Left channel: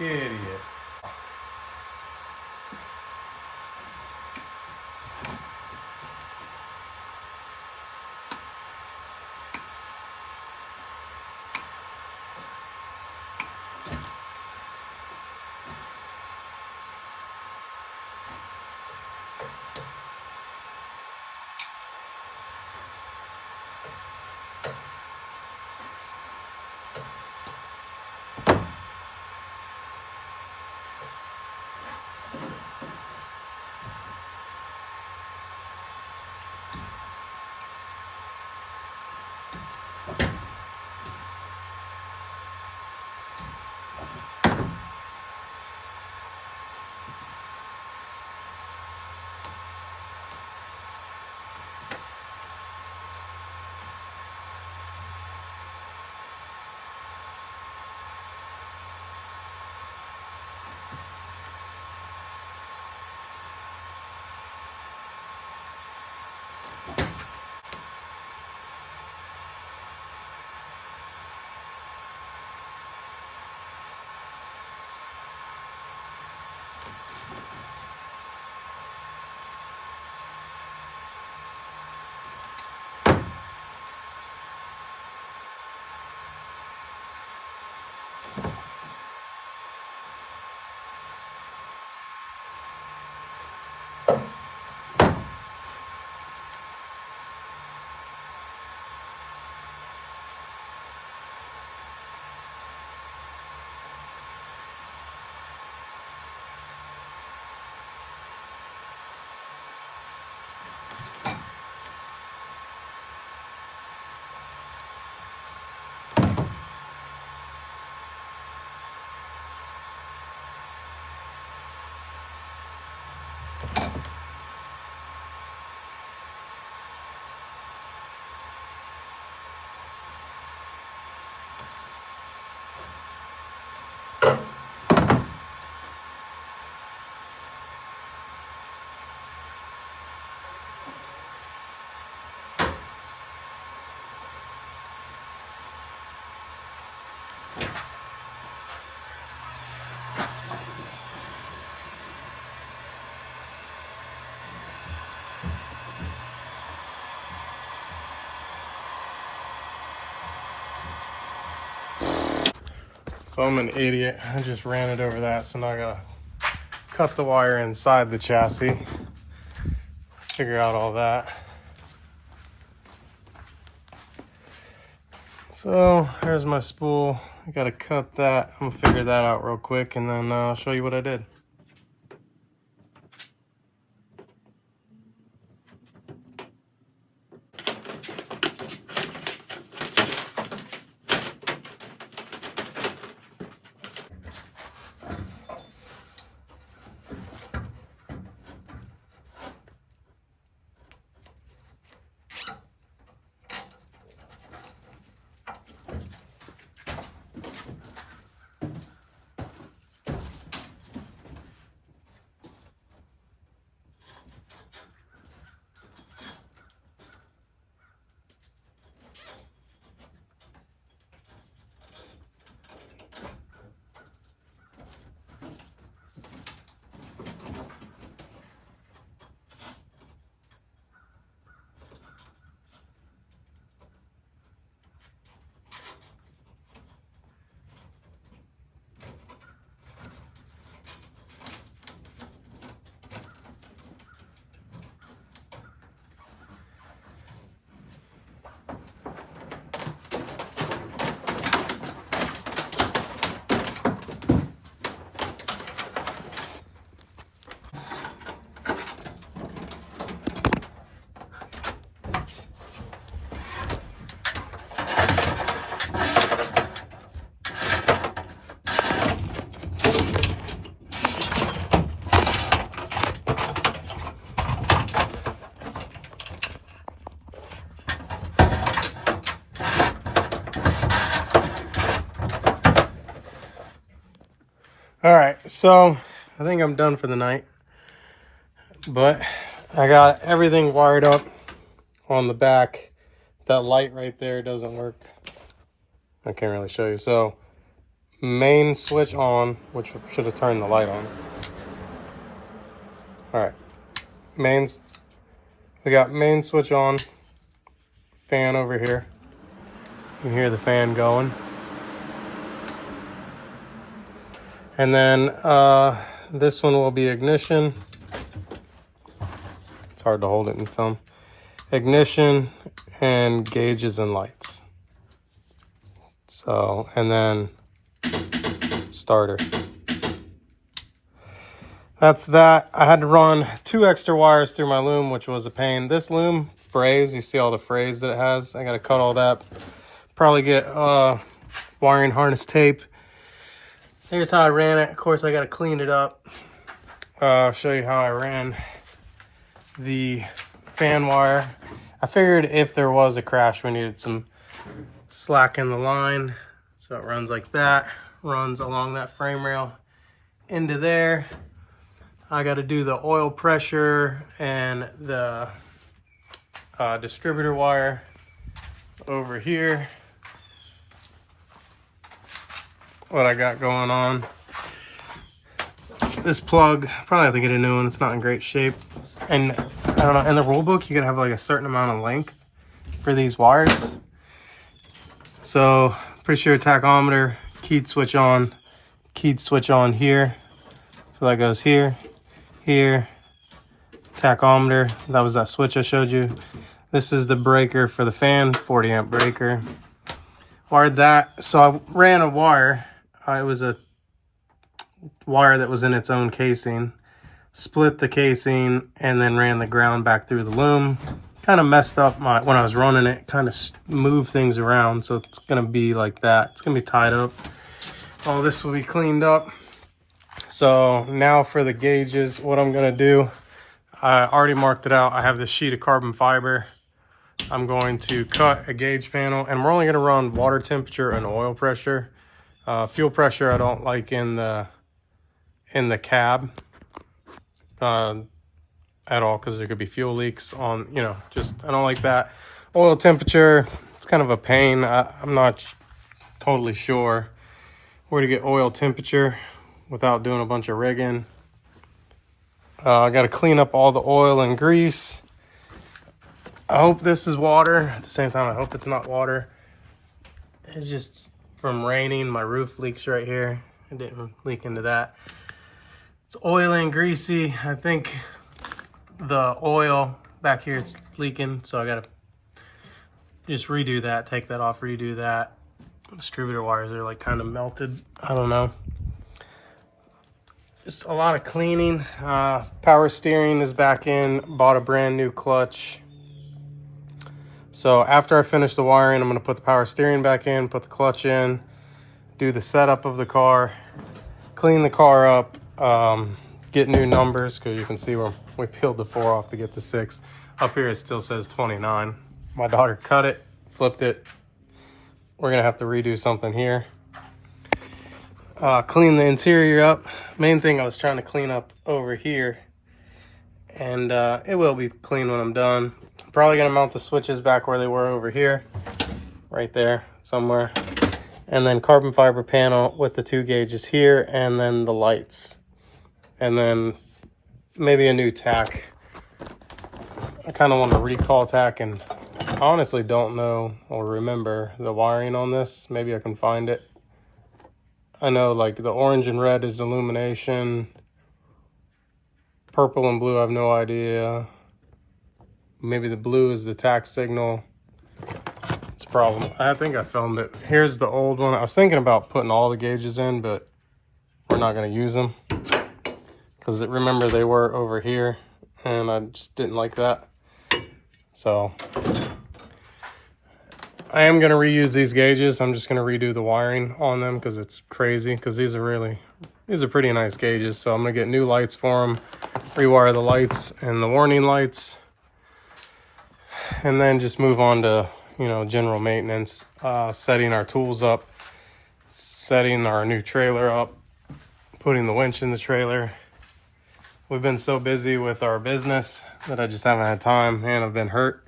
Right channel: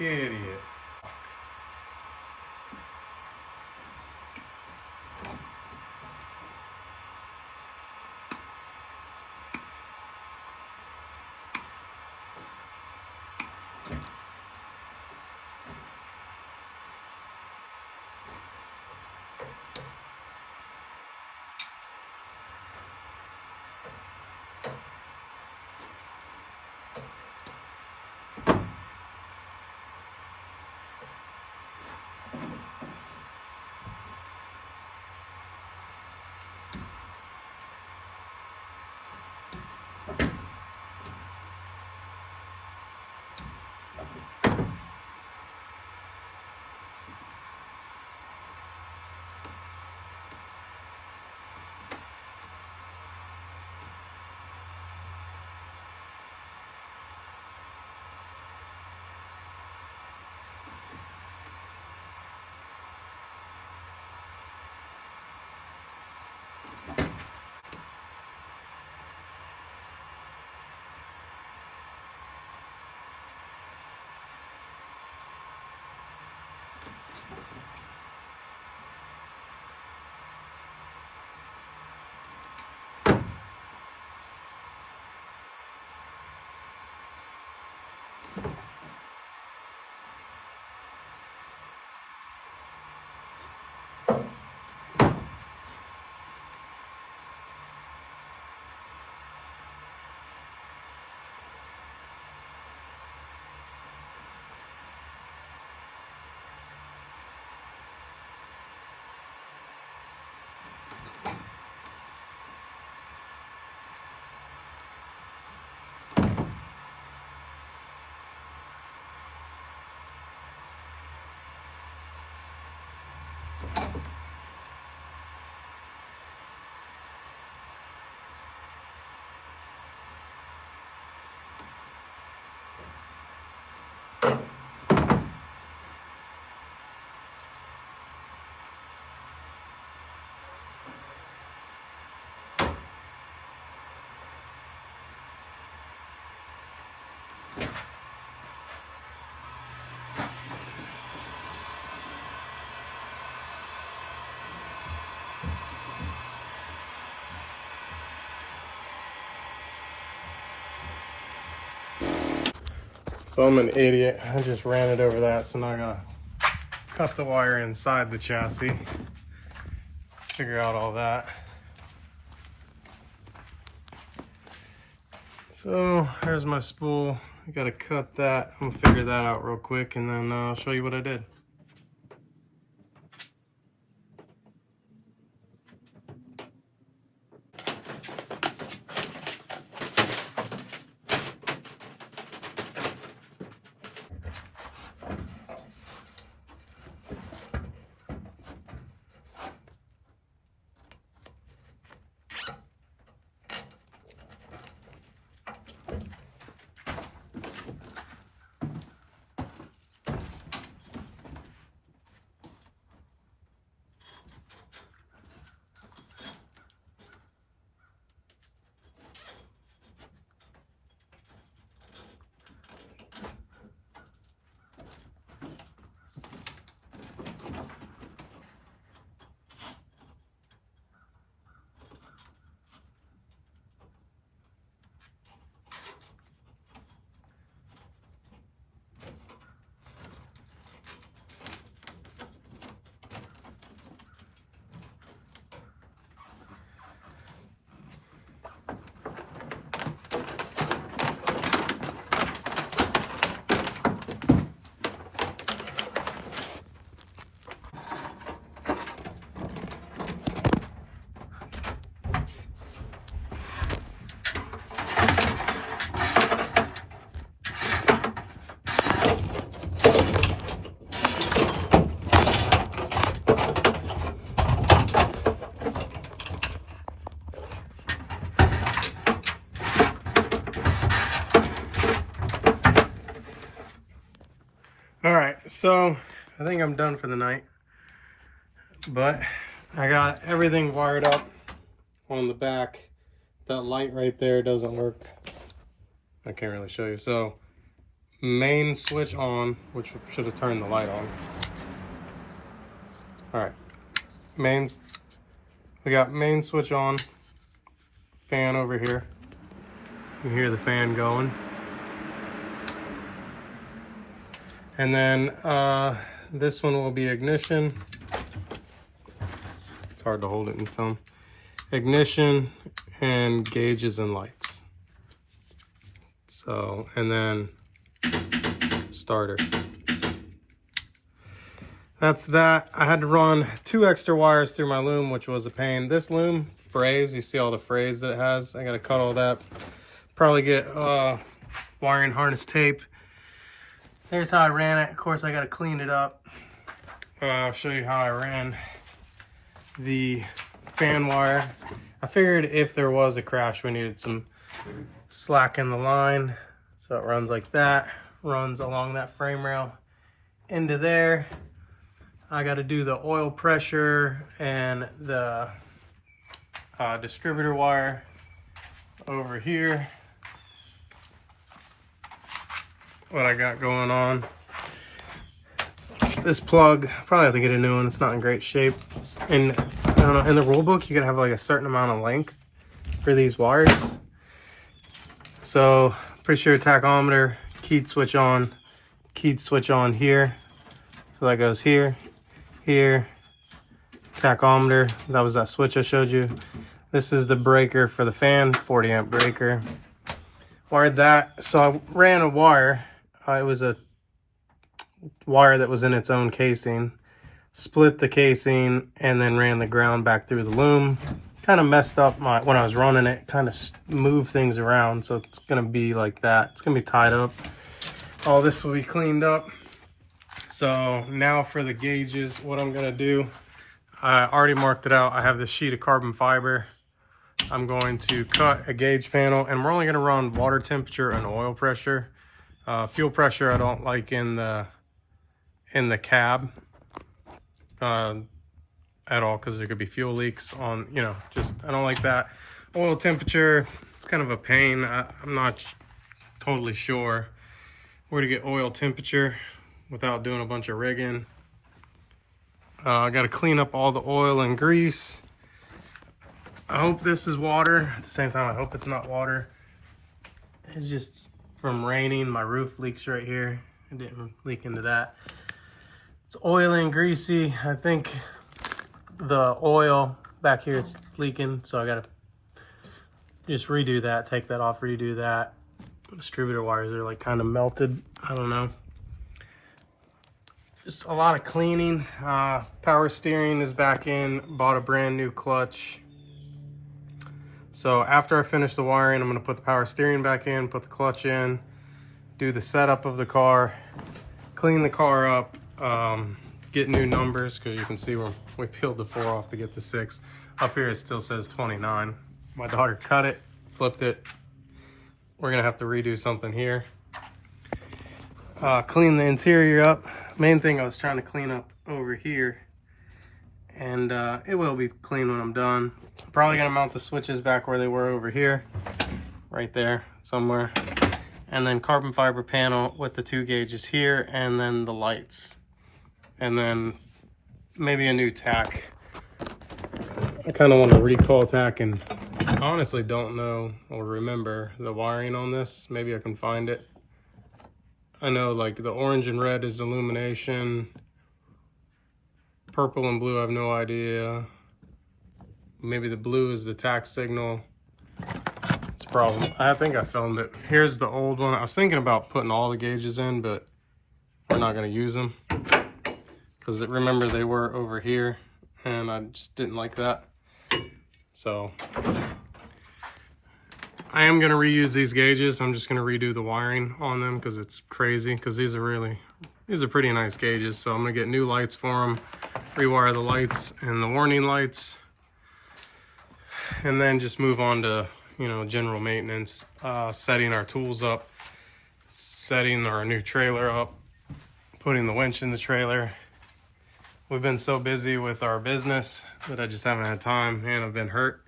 Idiot. So I'm an idiot. I just ran it over that, so now I gotta cut the wire inside the chassis. Figure out all that. So there's my spool. I gotta cut that. I'm gonna figure that out real quick, and then I'll show you what I did. All right, so I think I'm done for the night, but I got everything wired up on the back. That light right there doesn't work. I can't really show you. So main switch on, which should have turned the light on. All right, we got main switch on, fan over here. You can hear the fan going. And then this one will be ignition. It's hard to hold it in film. Ignition and gauges and lights. So, and then starter. That's that. I had to run 2 extra wires through my loom, which was a pain. This loom frays, you see all the frays that it has. I got to cut all that. Probably get wiring harness tape. Here's how I ran it. Of course, I got to clean it up. I'll show you how I ran the fan wire. I figured if there was a crash, we needed some slack in the line. So it runs like that, runs along that frame rail into there. I got to do the oil pressure and the distributor wire over here. What I got going on. This plug, probably have to get a new one. It's not in great shape. And I don't know, in the rule book, you could have like a certain amount of length for these wires. So pretty sure tachometer, keyed switch on here. So that goes here, here, tachometer. That was that switch I showed you. This is the breaker for the fan, 40 amp breaker. Wired that. So I ran a wire. It was a wire that was in its own casing. Split the casing and then ran the ground back through the loom. Kind of messed up when I was running it, kind of moved things around. So it's going to be like that. It's going to be tied up. All this will be cleaned up. So now for the gauges, what I'm going to do, I already marked it out. I have this sheet of carbon fiber. I'm going to cut a gauge panel, and we're only going to run water temperature and oil pressure. Fuel pressure I don't like in the cab at all, because there could be fuel leaks on, you know, just I don't like that. Oil temperature, it's kind of a pain. I'm not totally sure where to get oil temperature without doing a bunch of rigging. I got to clean up all the oil and grease. I hope this is water. At the same time, I hope it's not water. It's just from raining. My roof leaks right here. It didn't leak into that. It's oily and greasy. I think the oil back here, it's leaking. So I got to just redo that. Take that off, redo that. Distributor wires are like kind of melted. I don't know. Just a lot of cleaning. Power steering is back in. Bought a brand new clutch. So after I finish the wiring, I'm going to put the power steering back in, put the clutch in, do the setup of the car, clean the car up, get new numbers, because you can see where we peeled the 4 off to get the 6. Up here it still says 29. My daughter cut it, flipped it. We're going to have to redo something here. Clean the interior up. Main thing I was trying to clean up over here, and it will be clean when I'm done. I'm probably gonna mount the switches back where they were over here, right there somewhere, and then carbon fiber panel with the 2 gauges here, and then the lights, and then maybe a new tack. I kind of want to recall tack, and I honestly don't know or remember the wiring on this. Maybe I can find it. I know like the orange and red is illumination. Purple and blue, I have no idea. Maybe the blue is the tack signal. It's a problem. I think I filmed it. Here's the old one. I was thinking about putting all the gauges in, but we're not going to use them. Because remember, they were over here, and I just didn't like that. So I am going to reuse these gauges. I'm just going to redo the wiring on them because it's crazy. Because these are pretty nice gauges. So I'm going to get new lights for them, rewire the lights and the warning lights, and then just move on to, you know, general maintenance, setting our tools up, setting our new trailer up, putting the winch in the trailer. We've been so busy with our business that I just haven't had time, and I've been hurt.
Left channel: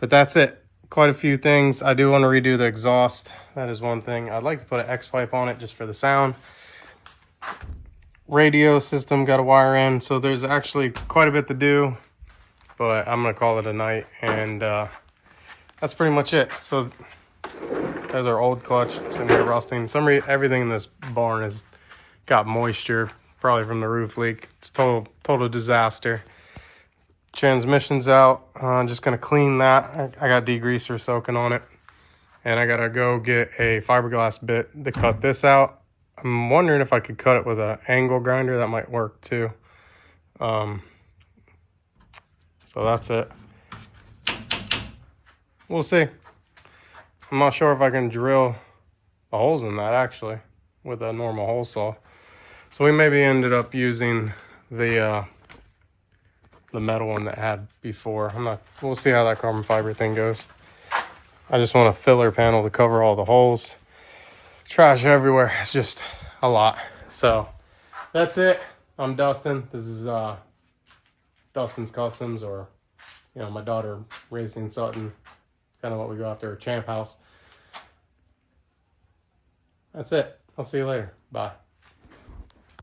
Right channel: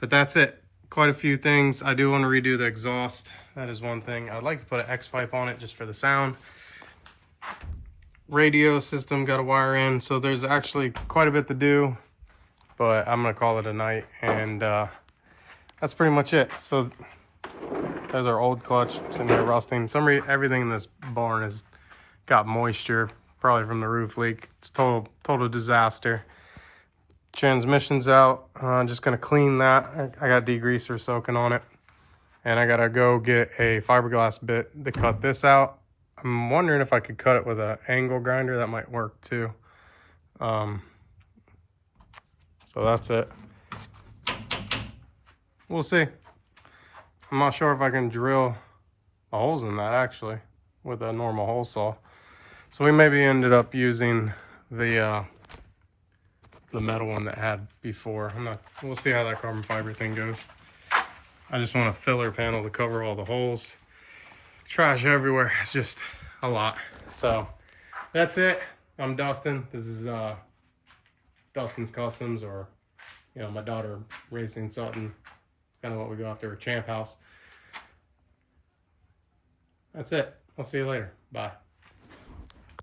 But that's it. quite a few things. I do want to redo the exhaust. That is one thing. I'd like to put an X pipe on it just for the sound. Radio system got a wire in, so there's actually quite a bit to do, but I'm gonna call it a night, and that's pretty much it. So there's our old clutch sitting here rusting. Everything in this barn has got moisture, probably from the roof leak. It's total disaster. Transmission's out. I'm just gonna clean that. I got degreaser soaking on it, and I gotta go get a fiberglass bit to cut this out. I'm wondering if I could cut it with an angle grinder. That might work too. So that's it. We'll see. I'm not sure if I can drill the holes in that actually with a normal hole saw. So we maybe ended up using the metal one that had before. We'll see how that carbon fiber thing goes. I just want a filler panel to cover all the holes. Trash everywhere. It's just a lot. So that's it. I'm Dustin. This is Dustin's Customs, or my daughter Racing Sutton. Kind of what we go after, a Champ House. That's it. I'll see you later. Bye.